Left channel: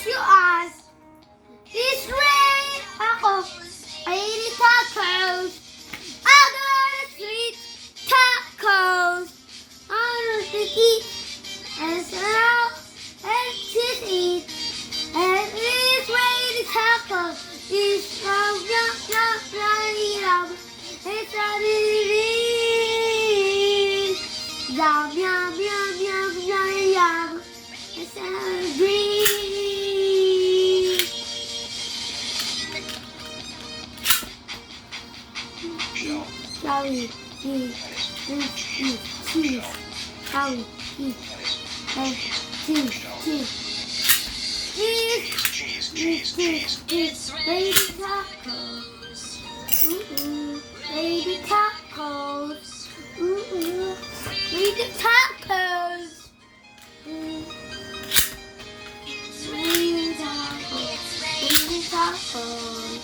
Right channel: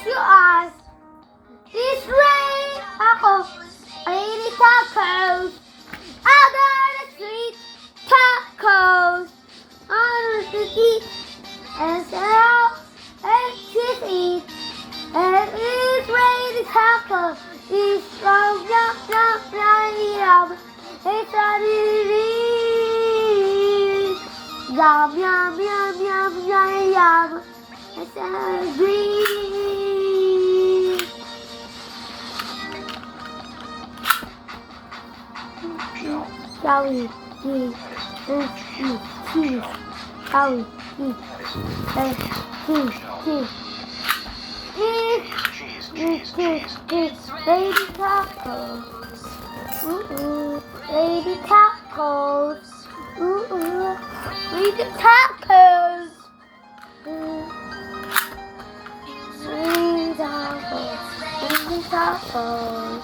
Close your eyes. It's raining tacos. Raining tacos. I got sweet tacos. I want to eat and sit out and just eat. And it's raining tacos. It's yum yum yum yum yum. It's all it is. Yum yum yum yum yum yum. It's all green. Jelly, cheese, cheese, jelly, cheese, baby tacos, baby tacos, baby tacos, baby tacos, baby tacos.